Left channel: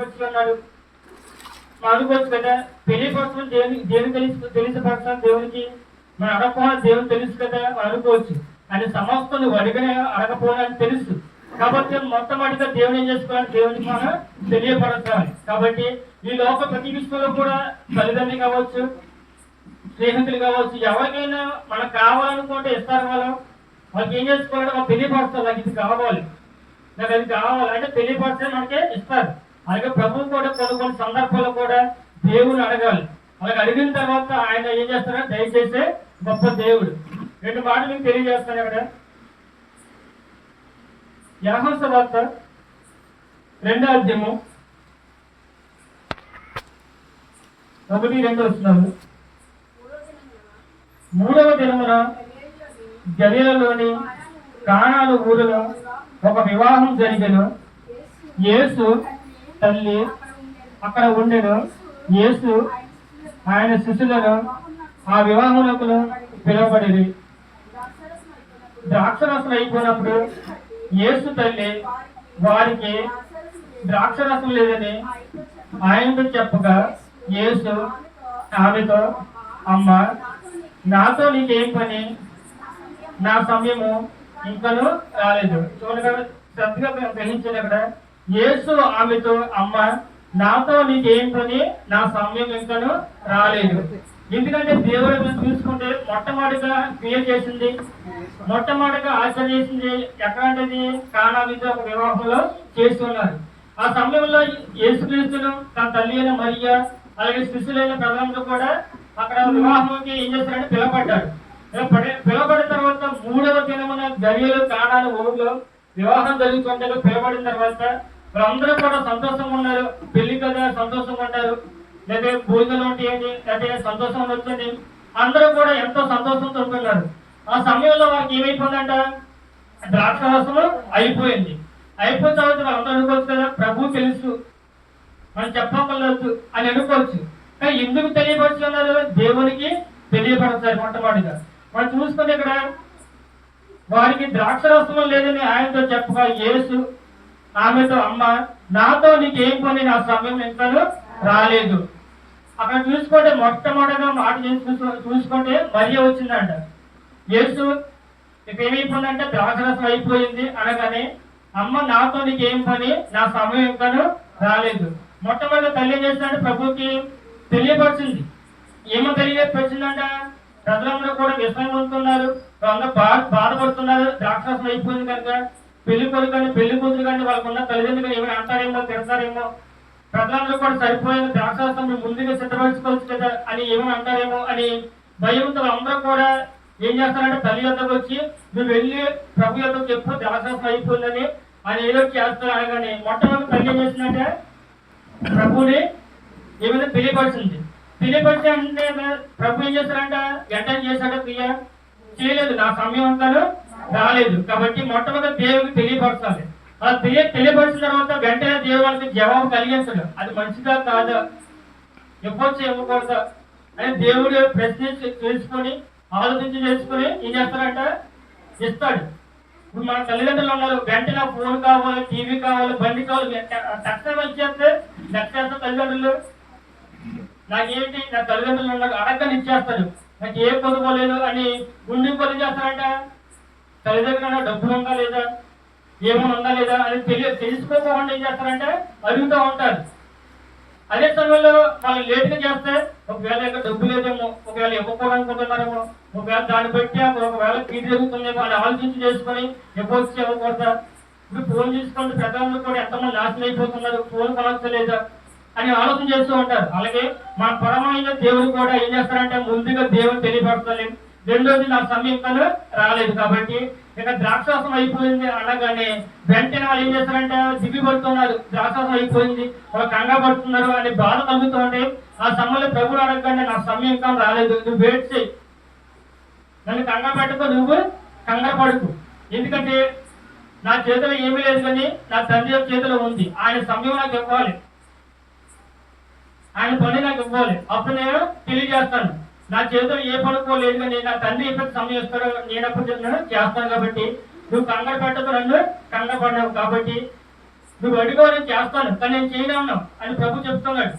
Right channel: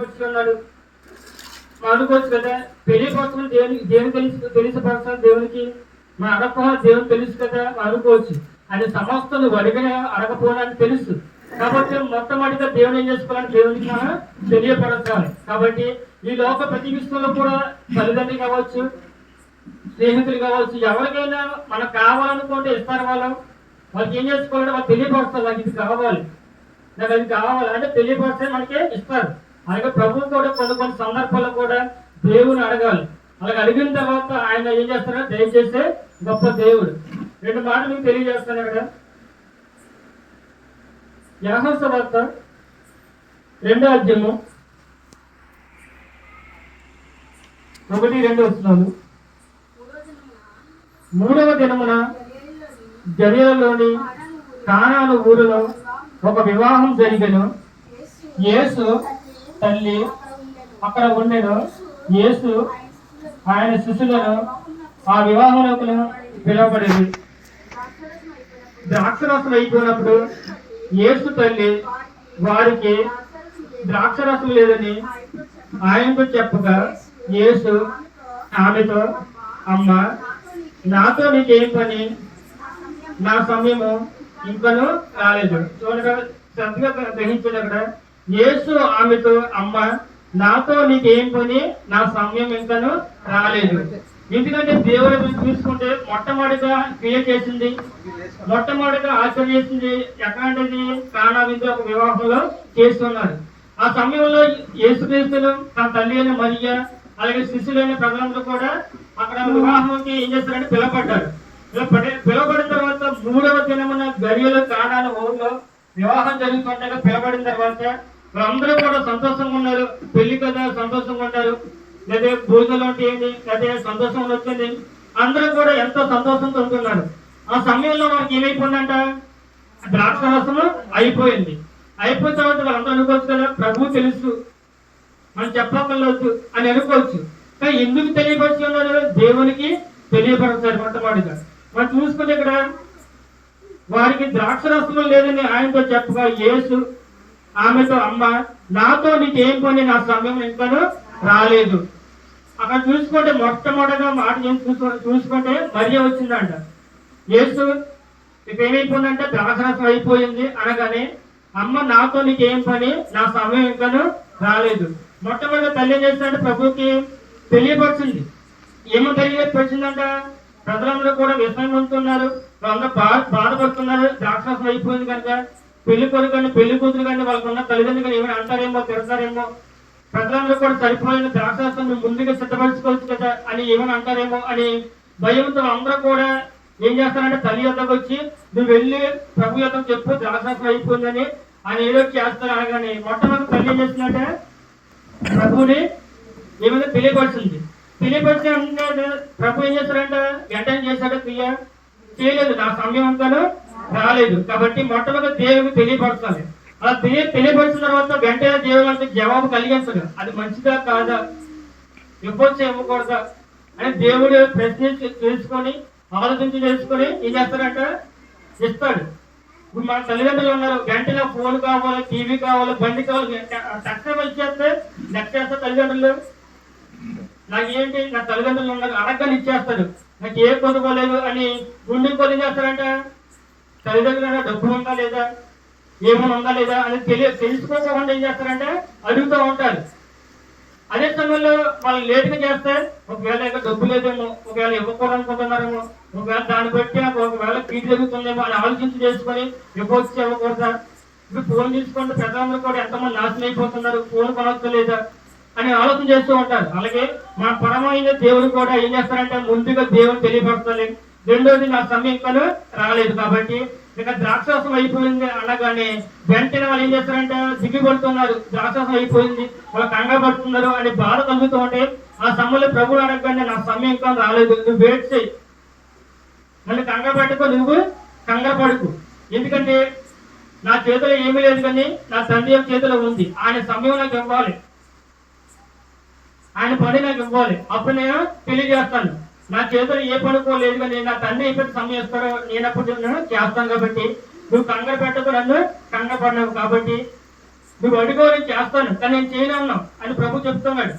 తెలియపరుచుకున్నాడు. అనుకోవచ్చు కదా, తెలియపరచడం దేవుని తెలిసిపరచాలి దేవునికి, మన అడగపోవాలి దేవుని తెలుసు కదా అనుకోవచ్చు. అని సమస్తం నువ్వు అడగపోవాలని తెలుసు కాబట్టి మొట్టమొదటిగా దేవుని ఏం చేసుకోవాలని దేవునికి మనం తెలియపరచాలి. కాబట్టి ఈ లోక ప్రతి విషయంలో కూడా తల్లిదండ్రులు కావచ్చు, స్నేహితులు కావచ్చు, ఎవరికైనా మనకు కావాలనుకుంటే ఇస్తారు. వాళ్ళకి ఏం చేసుకోవాలంటే వాళ్ళు తెలియపరుస్తారు, నాకు ఇది కావాలి, నాకు అది కావాలి అంటే తెలియపరిస్తే మనకే ఇస్తారు. అలాగే ప్రభువు కూడా కొన్ని సందర్భాల్లో కూడా దేవుని అడగాలి. అలాగే అడిగిన తర్వాత ఆయన ఏం చేస్తారంటే దయచేసే గొప్ప దేవుడు. 2 మాటలు మీకు తెలియజేస్తాను. ఇక్కడ యోహాను సువార్త 2వ అధ్యాయము 1-2 వచనాలు. 3వ దినమున గలిలయలోని కానాను ఊరిలో ఒక వివాహం జరిగెను. యేసు తల్లి అక్కడ ఉండెను. యేసు ఆయన శిష్యులను ఆ వివాహములకు పిలువబడేది. ద్రాక్షరసం అయిపోయినప్పుడు యేసు తల్లి వారికి ద్రాక్షరసం లేదని ఆయనతో చెప్పగా యేసు ఆమెతో, అమ్మ, నాతో నీకేం పని, నా సమయము ఇంకను రాలేదు. చూడగా శ్రద్ధగా గ్రహించాడు. అక్కడ యేసు ఆమెతో, అమ్మ, నాతో నీకేం పని, నా సమయం ఇంకను రాలేదు. ఎందుకంటే దేవుడు చూసుకుంటే మొట్టమొదటిగా క్రియ చేసింది, మొట్టమొదటిగా ఆచరణ చేసింది ఎక్కడంటే కానా మీద ఒక వివాహంలో చేస్తున్నారు. ఆ సమయంలో యేసుక్రీస్తును తన తల్లి అయిన మరియా అలాగే శిష్యులైన ప్రజలందరూ కూడా అక్కడ వివాహంకి ఏం చేస్తారంటే పిలవబడ్డారు. పిలవబడిన తర్వాత 3వ దినమున గలిలయ కానాను ఊరిలో వివాహం జరుగుతుంటే పిలవబడిన తర్వాత వాళ్ళందరూ కూడా సంతోషంగా ఉన్నారు. పెళ్లి కదా సంతోషంగా ఉంటారు, లేదా భోజనాలు అంటే ఏంటి, లేదా సంతోషం వచ్చింది, అందరూ కూడా ఎంతో సంతోషంతో ఉంటున్నారు. ఆ సమయంలో వాళ్ళకి ఏమైపోయిందంట, ద్రాక్షరసము అయిపోయింది. అయిపోయిన తర్వాత వాళ్ళందరూ అనుకోవచ్చు కదా, ప్రభు తెలుసు మనం చెప్పగలదు అని అనుకోవచ్చు. కానీ ఎందుకు తెలియపరుచుకున్నారు, దేవునికి తెలియపరచారు. మొట్టమొదటిగా మనం చూసుకుంటే ఇక్కడ వారికి ద్రాక్షరసము లేదని ఆయనతో చెప్పగా యేసు ఆమెతో, అమ్మ, నాతో నీకేం పని, నా సమయం ఇంకా రాలేదు. అక్కడ చూసుకుంటే మొట్టమొదటిగా మాట చూసుకుంటే మరియ వచ్చిందంట. యేసు ఇప్పుడు ఏమైపోయిందంటే ద్రాక్షరసం అయిపోయింది అనగానే, అమ్మ, నాతో నీకేం పని, నా సమయం ఇంకా రాలేదు. మొట్టమొదటి తల్లి ఏం చేస్తుందంటే ప్రభుకి తెలియపరిచింది. ఏమో తెలియపరిచిందంట, ప్రజలందరూ కూడా విషయం పొందుతున్నారు, వాళ్ళందరూ బాధపడుతున్నారు, ద్రాక్షరసం అయిపోయింది కనుక పెళ్లి కొడుకు కానీ పెళ్లి కూతురు కానీ వాళ్ళకున్న తల్లిదండ్రులు కానీ ఏమైనా అంటారేమో, తిడతారేమో, ప్రజలందరూ కూడా సరిపోయిన ద్రాక్షరసం ముందుగా సిద్ధపరచుకోవచ్చు కదా అని ఏమైనా అంటారేమో అని భయంతో అందరూ కూడా ఏం చేస్తారంటే తల్లి యొక్కకు వచ్చి, నువ్వు వెళ్ళి ప్రభు యొక్కకు చెప్పు ద్రాక్షరసం అయిపోయిందని అని ఏదో చేస్తారు అనగానే మొట్టమొదటి తల్లి ఏం చేస్తుందంటే ప్రభుని ఏమైనా తెలియపరిచింది. తెలియపరిచి అంటే ప్రభు ఏం చేస్తారంట వెంటనే చేశాడు, క్రియ చేయలేదు, నా సమయం అంతా రాలేదు. కాబట్టి మొట్టమొదటి దేవుడికి తెలియపరచాలి. అలా తెలియపరిచిన తర్వాత వెంటనే దేవుడికి జవాబు కలిగించడు, అది మంచిదా కాదా, ఇవ్వచ్చు ఇవ్వకూడదా అని దేవుడు ప్రశ్నించి తెలుసుకొని ఆలోచించి చేసుకొని ఏం చేస్తారంట ఇస్తాడు. ఇప్పుడు మన తల్లిదండ్రులు ఉన్నారు, వెంటనే ఫోన్ కావాలి, టీవీ కావాలి, బండి కావాలి, తక్షణం ఇచ్చేస్తే నెక్స్ట్ తల్లిదండ్రులు నాకేంటి, నా తల్లిదండ్రులు ఉన్నారు అడగని ఇచ్చేస్తారు, నాకు ఏ కొనుక్కోలేదు అని గుండె కొలి చేస్తారంట. తల్లిదండ్రులు డబ్బు ఉందా లేదా, ఏమైనా ఉందా లేదా అని తెలుసుకోకుండా ఏం చేస్తారంటే అడుగుతూ ఉంటారు. అదే సమయంలో వాళ్ళు లేటుగా చేస్తే ఒకవేళ డబ్బు లేదేమో, ఒకవేళ ఇవ్వకూడదనుకుంటున్నారేమో, ఒకవేళ దాన్ని బట్టి ఒకవేళ పీడి జరుగుతుందేమో అని ఆలోచించి చేసుకొని ఇవ్వచ్చు ఇవ్వకూడదా. ఇప్పుడు ఫోన్ చూసుకుంటే ప్రజలందరూ కూడా ఎంతమంది నాశనం అయిపోతున్నారు, ఫోన్ కొనొచ్చలేదా అని ఆలోచన చేస్తూ ఉంటారు. అలాగే మన పరమైన దేవుడు కూడా ఏం చేస్తారంటే ముందుగా దేవుడు తెలియపరచాలి. రెండోది నా సమయం కను రాలేదు కాబట్టి ఇక ద్రాక్షరసం అయిపోయింది అనగానే వెంటనే వాళ్ళు ఏం చేస్తారంటే దిగిపడుతున్నారు, ద్రాక్షరసం అయిపోయింది, వాళ్ళు కంగారు పడుతున్నారు అని బాధ కలుగుతూ ఉంటే ఆ సమయంలో ప్రభువు అడగగానే నా సమయం ఇంకా రాలేదు, నువ్వు వెయిట్ చేయి, నన్ను కంగారు పెట్టుకో, నువ్వు కంగారు పడుకు, ఎందుకంటే నా చేతిలో ఏమీ లేదు కానీ నా తండ్రి యొక్క చేతిలో ఉంది, ఆయన సమయం నాకు ఇవ్వాలి, ఆయన పని నాకు ఇవ్వాలి, అప్పుడు నేను తెలియజేస్తాను. నా చేతిలో ఏ పడుకోలేదు కానీ నా తండ్రి ఎప్పుడు సమయం ఇస్తాడో నేనప్పుడు చేస్తాను. కాబట్టి నువ్వు కంగారు పెట్టదు, నన్ను కంగారు పడినావు కాబట్టి నువ్వు అడుగో నేను చేస్తాను, కానీ నేను చేయను అన్నావు అని ప్రభు చెప్తున్నాడు.